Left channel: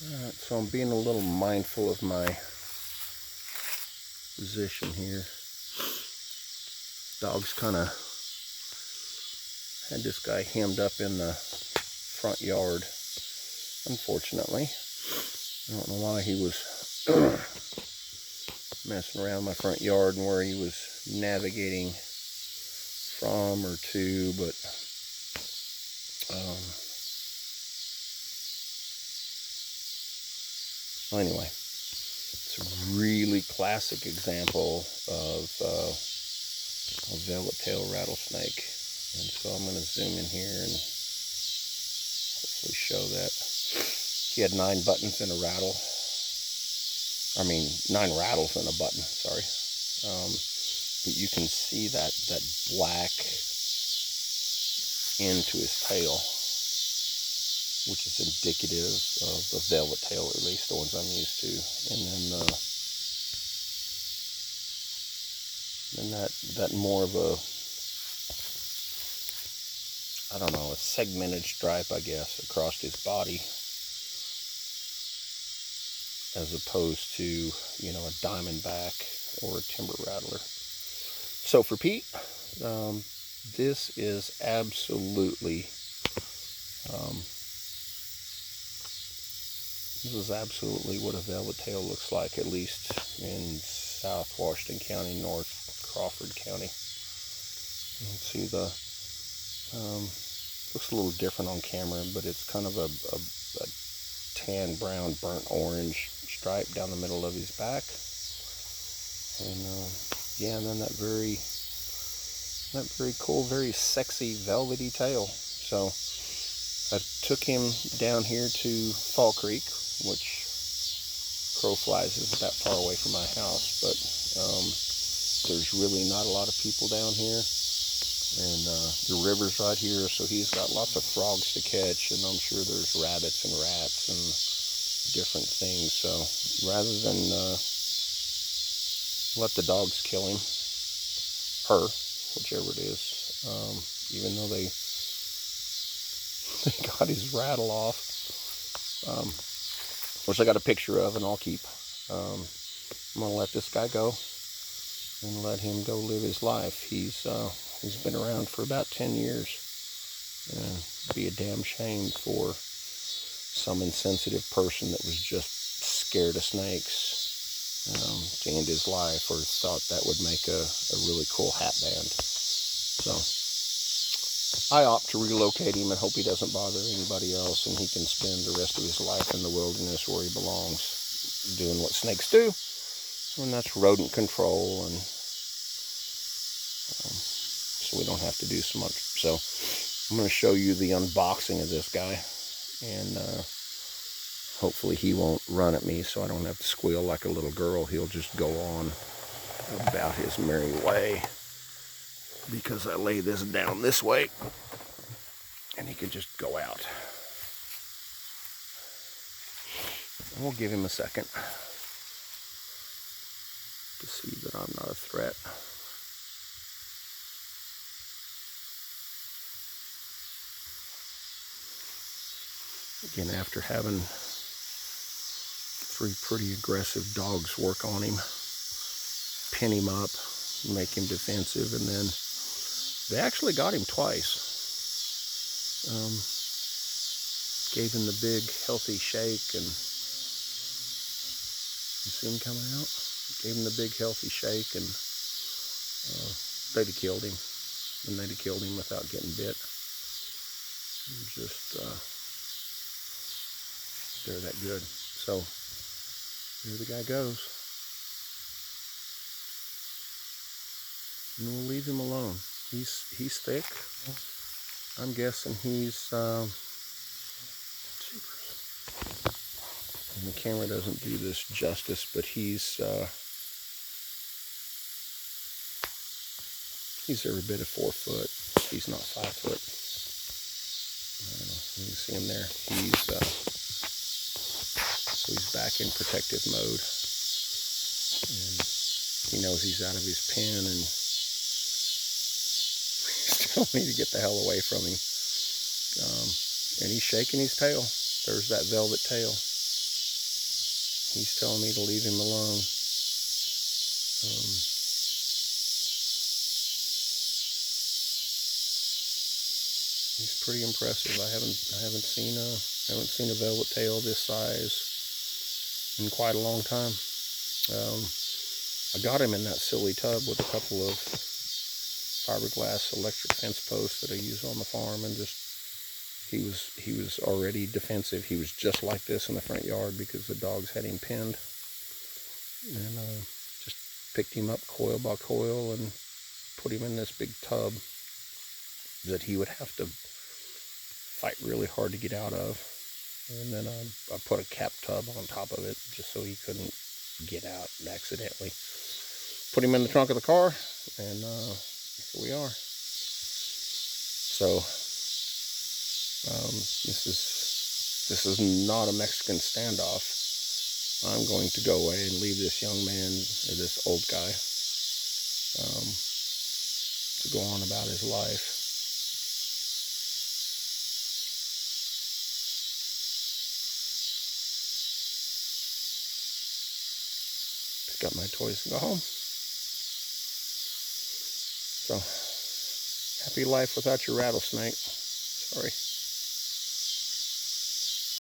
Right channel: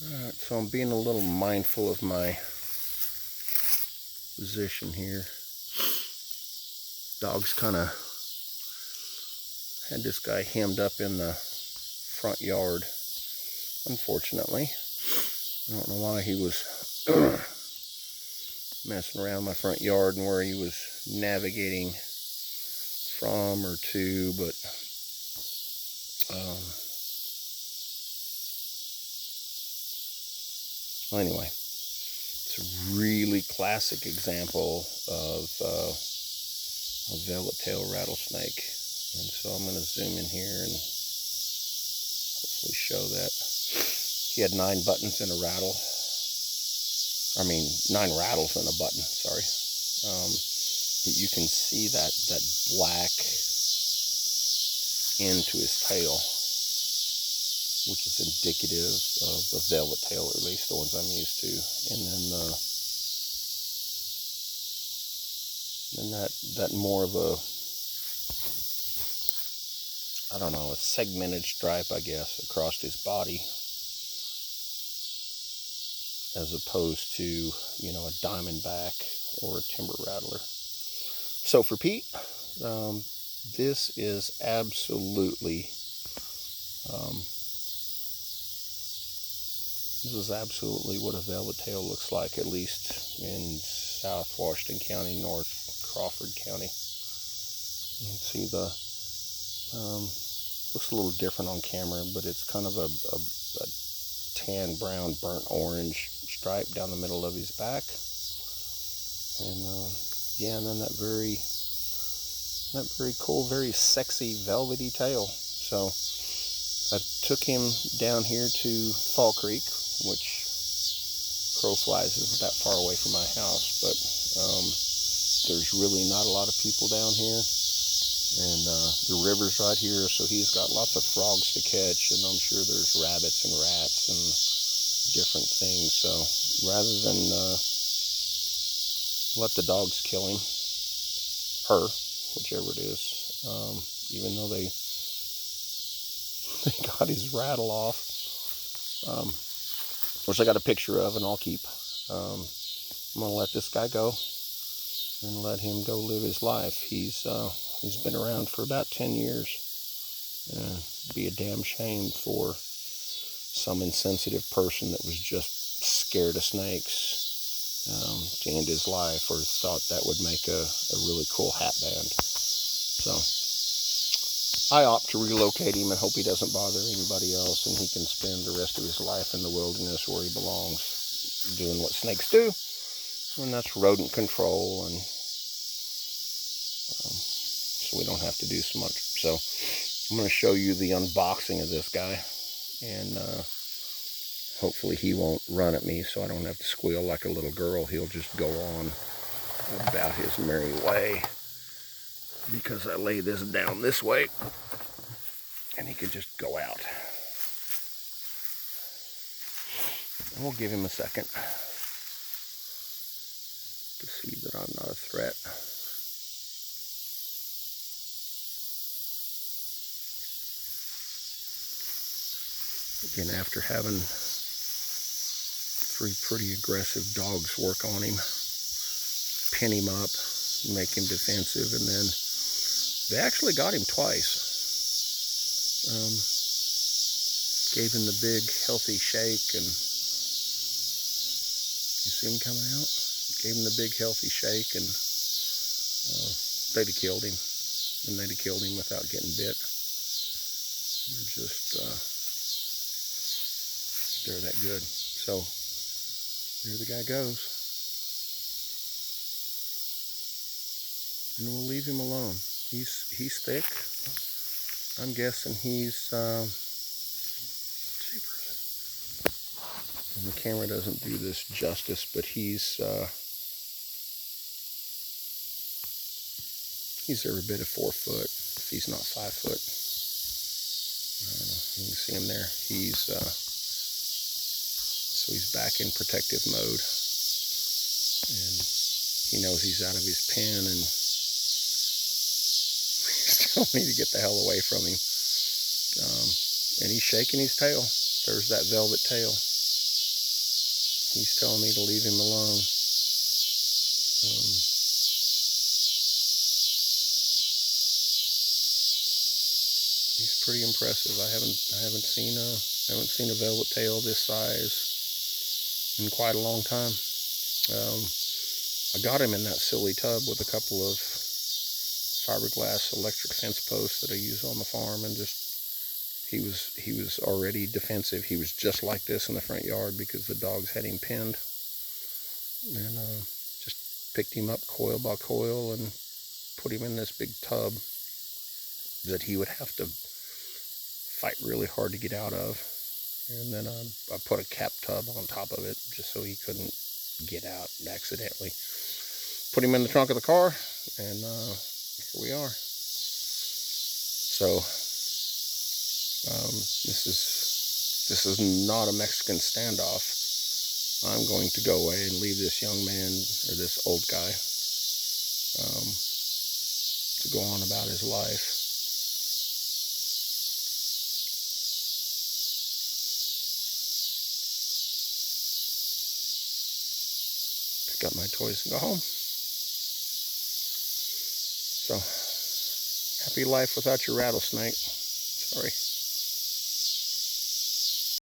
Alright, so I'm being a little mindful of my position here. Dog's kind of had this guy hemmed up in the front yard, unfortunately. I don't know why he was messing around my front yard and where he was navigating from or to, but well, anyway, it's a really classic example of a velvet-tailed rattlesnake. And so I'm going to zoom in here and hopefully show that. He had 9 buttons in a rattle. I mean, 9 rattles in a button, sorry. But you can see that black end to his tail, which is indicative of the velvet tail, or at least the ones I'm used to. And then that more of a, I don't know, a segmented stripe, I guess, across his body, as opposed to, you know, a diamondback or a timber rattler. So for Pete, this is absolutely what a velvet tail looks like, at least in South Washington County, North Crawford County. You can see the looks a little different on camera, but it's kind of a tan, brown, burnt orange stripe down the middle of his back. And yeah, and then that very cool, very sexy, velvety tail. So I took him down here to Fall Creek, which crow flies is about far away from my house, but there's really not a lot of people down here. And the river's right here, so he's got lots of frogs to catch, and I'm sure there's rabbits and rats and different things. So rather than let the dogs kill him, her, whichever it is, even though they got his rattle off, which I got a picture of and I'll keep. I'm gonna let this guy go and let him go live his life. He's been around for about 10 years. It'd be a damn shame for some insensitive person that was just scared of snakes to end his life, or thought that would make a really cool hat band. So I opt to relocate him and hope he doesn't bother anybody else, and he can spend the rest of his life in the wilderness where he belongs, doing what snakes do, and that's rodent control, and so we don't have to do so much. So I'm going to show you the unboxing of this guy, and hopefully he won't run at me so I don't have to squeal like a little girl. He'll just go on about his merry way, because I lay this down this way and he can just go out. And we'll give him a second to see that I'm not a threat. Again, after having 3 pretty aggressive dogs work on him, pin him up, make him defensive, and then they actually got him twice. Gave him the big healthy shake, and you see him coming out? Gave him the big healthy shake, and they'd have killed him. And they'd have killed him without getting bit. They're just, they're that good. So there the guy goes. And we'll leave him alone. He's thick. I'm guessing he's and the camera doesn't do this justice, but he's every bit of 4 foot. He's not 5 foot. You can see him there. So he's back in protective mode, and he knows he's out of his pen, and we still need to get the hell away from him. And he's shaking his tail. There's that velvet tail. He's telling me to leave him alone. He's pretty impressive. I haven't seen a velvet tail this size in quite a long time. I got him in that silly tub with a couple of fiberglass electric fence posts that I use on the farm, and just he was already defensive. He was just like this in the front yard because the dogs had him pinned, and just picked him up coil by coil and put him in this big tub that he would have to fight really hard to get out of. And then I put a cap tub on top of it just so he couldn't get out accidentally. Put him in the trunk of the car, and here we are. So this is not a Mexican standoff. I'm going to go away and leave this young man, or this old guy, to go on about his life. Pick up my toys and go home. So, happy life without your rattlesnake. Sorry.